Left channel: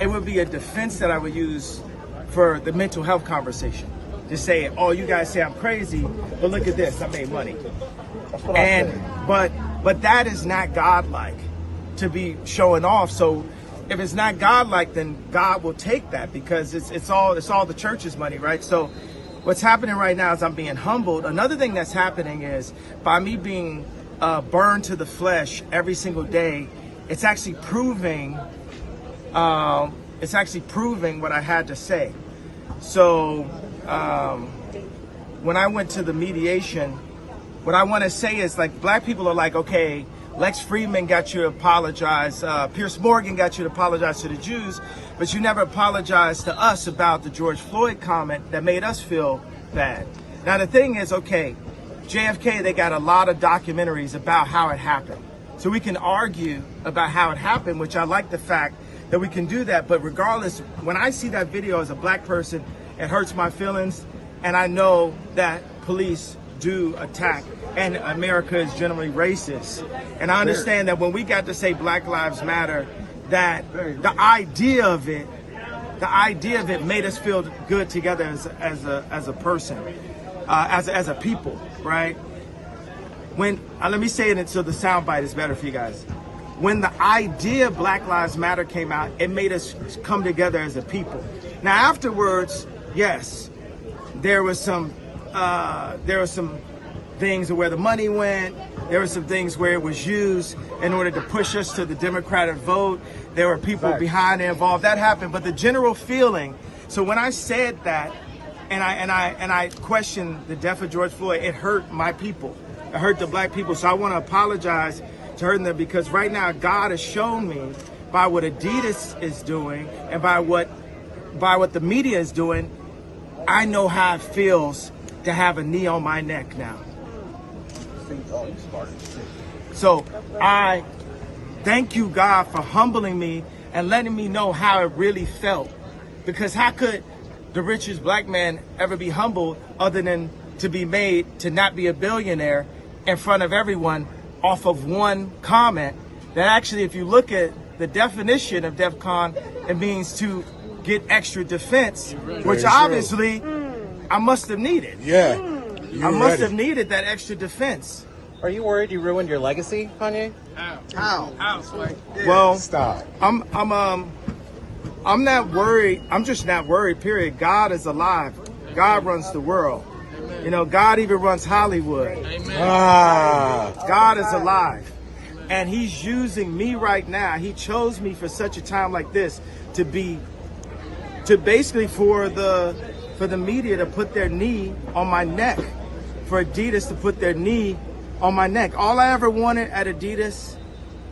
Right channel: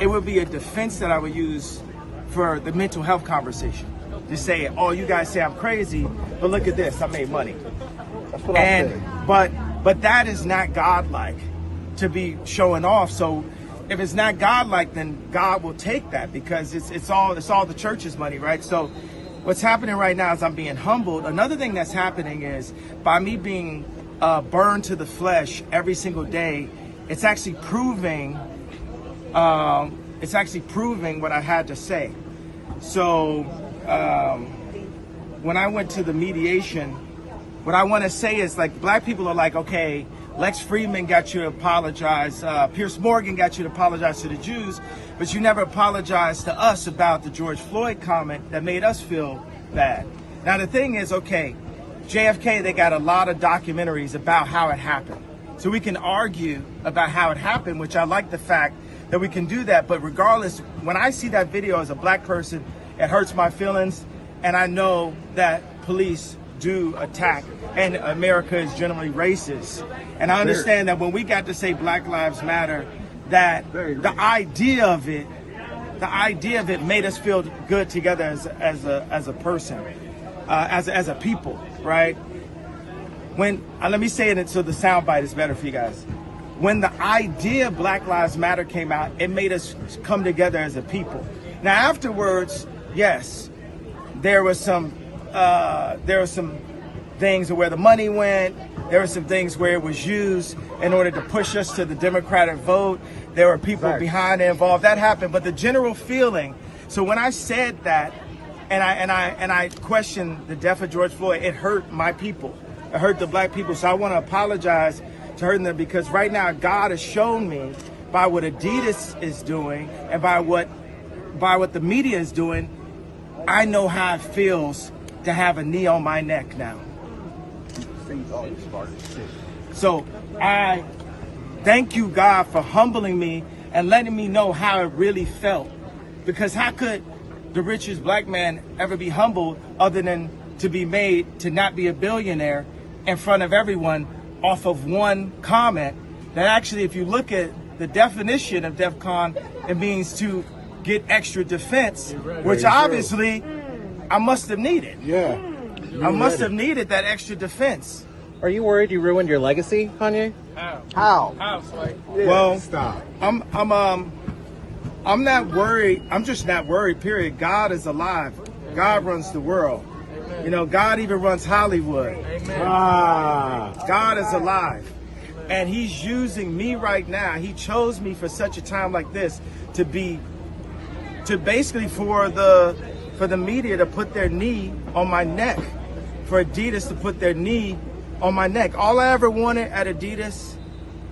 it would be a defense that I would use for the mental health conversation. To say, oh, you guys say I'm crazy, but look at this, I made money. But that is not godlike to be showing off. So if it's not godlike, then God will take that, because it's all the church's money, right? So what's happening right now is I'm being humbled. Another thing that's happening is by me being burned to the flesh every single day, it's actually proving what I had to say. So when I went to the mediation, what I want to say is, like, black people are like, okay, Lex Friedman got you to apologize, Pierce Morgan got you to apologize to the Jews, but you never apologized to us about the George Floyd comment that made us feel bad. Now the thing is, okay, JFK, they got a lot of documentaries about how it happened. So we can argue about how it happened, which I like the fact that we can do that. But regardless, when I see that video as a black person, it hurts my feelings. And I know that police do attack, and America is generally racist. And I understand that when we got to say Black Lives Matter, that the idea of it made us feel good together as a person, as a people, right? When let me say it so the soundbite is better for you guys. When the idea of Black Lives Matter came out, it made us come together as a people. Now afterwards, yes, there was some things where the money went. There were some things where it was used in order to push us to the Democratic vote. There were people behind it involved. That happened, but the general feeling. So when I said that, and I questioned the death of George Floyd, it hurt my people. It hurt the black people. So I want to apologize to hurting them, because right now God has shown me by what Adidas is doing and by what the media is doing, I know how it feels to have a knee on my neck now. So I thank you, God, for humbling me and letting me know how it really felt. Because how could the richest black man ever be humbled other than to be made to not be a billionaire in front of everyone off of one comment that actually, if you look at the definition of DEFCON, it means to get extra defense, which obviously I must have needed. Yeah. I must have needed that extra defense. Are you worried you ruined your legacy, Kanye? How? How, Sway? Yeah, well, stop. I'm not worried. I'm just not worried, period. God is alive. God runs the world. You know, God even runs Hollywood. God is alive. And he's using me right now. He chose me for such a time like this to basically for the media to put their knee on my neck, for Adidas to put their knee on my neck. All I ever wanted at Adidas,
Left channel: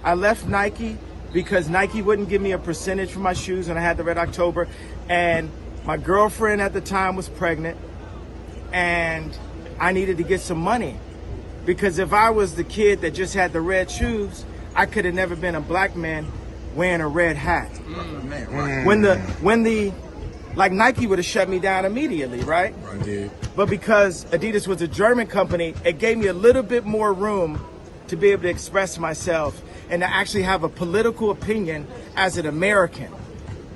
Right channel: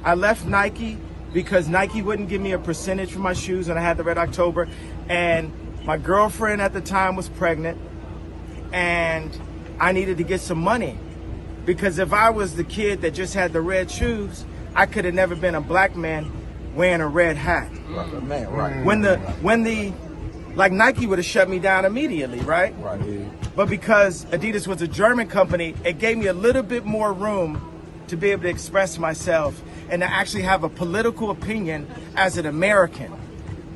I left Nike because Nike wouldn't give me a percentage for my shoes, and I had the Red October, and my girlfriend at the time was pregnant, and I needed to get some money, because if I was the kid that just had the red shoes, I could have never been a black man wearing a red hat. Right. Like Nike would have shut me down immediately, right? Right. Yeah. But because Adidas was a German company, it gave me a little bit more room to be able to express myself and to actually have a political opinion as an American,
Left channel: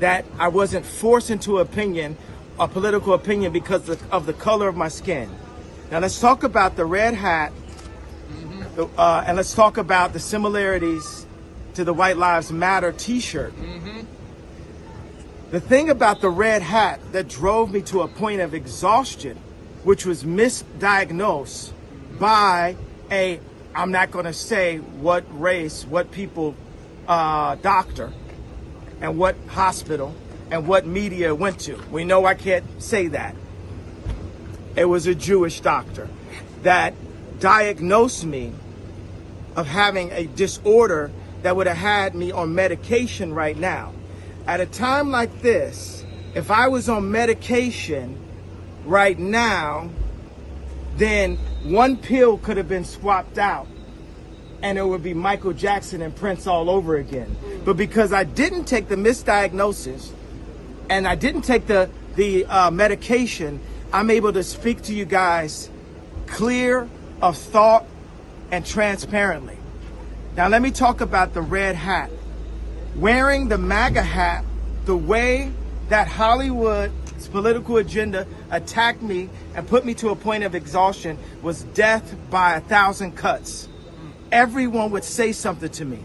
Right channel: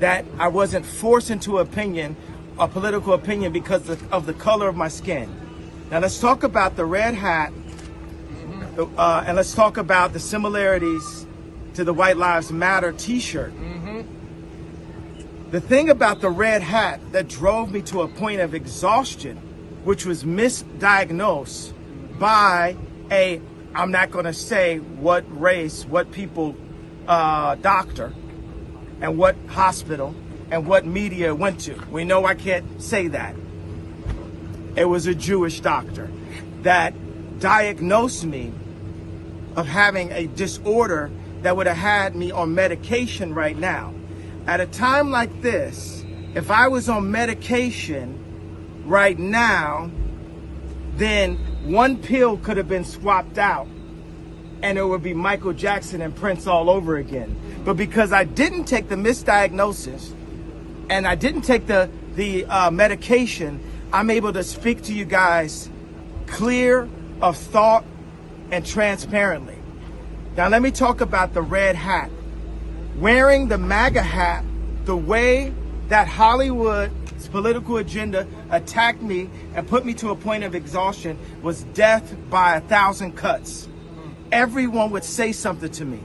that I wasn't forced into a political opinion because of the color of my skin. Now let's talk about the red hat, and let's talk about the similarities to the White Lives Matter t-shirt. The thing about the red hat that drove me to a point of exhaustion, which was misdiagnosed by I'm not going to say what race, what people, doctor, and what hospital, and what media went to. We know I can't say that. It was a Jewish doctor that diagnosed me of having a disorder that would have had me on medication right now. At a time like this, if I was on medication right now, then one pill could have been swapped out and it would be Michael Jackson and Prince all over again. But because I didn't take the misdiagnosis and I didn't take the medication, I'm able to speak to you guys clear of thought and transparently. Now let me talk about the red hat. Wearing the MAGA hat the way that Hollywood's political agenda attacked me and put me to a point of exhaustion was death by 1,000 cuts. Everyone would say something to me,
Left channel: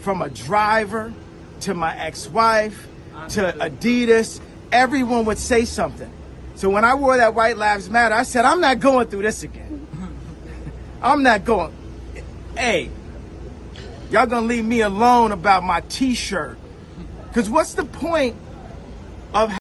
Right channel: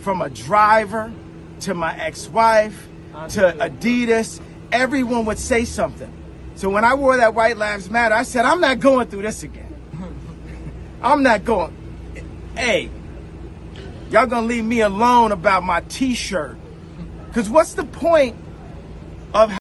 from a driver to my ex-wife to Adidas. Everyone would say something. So when I wore that White Lives Matter, I said, I'm not going through this again. I'm not going. Hey, y'all gonna leave me alone about my t-shirt. Because what's the point of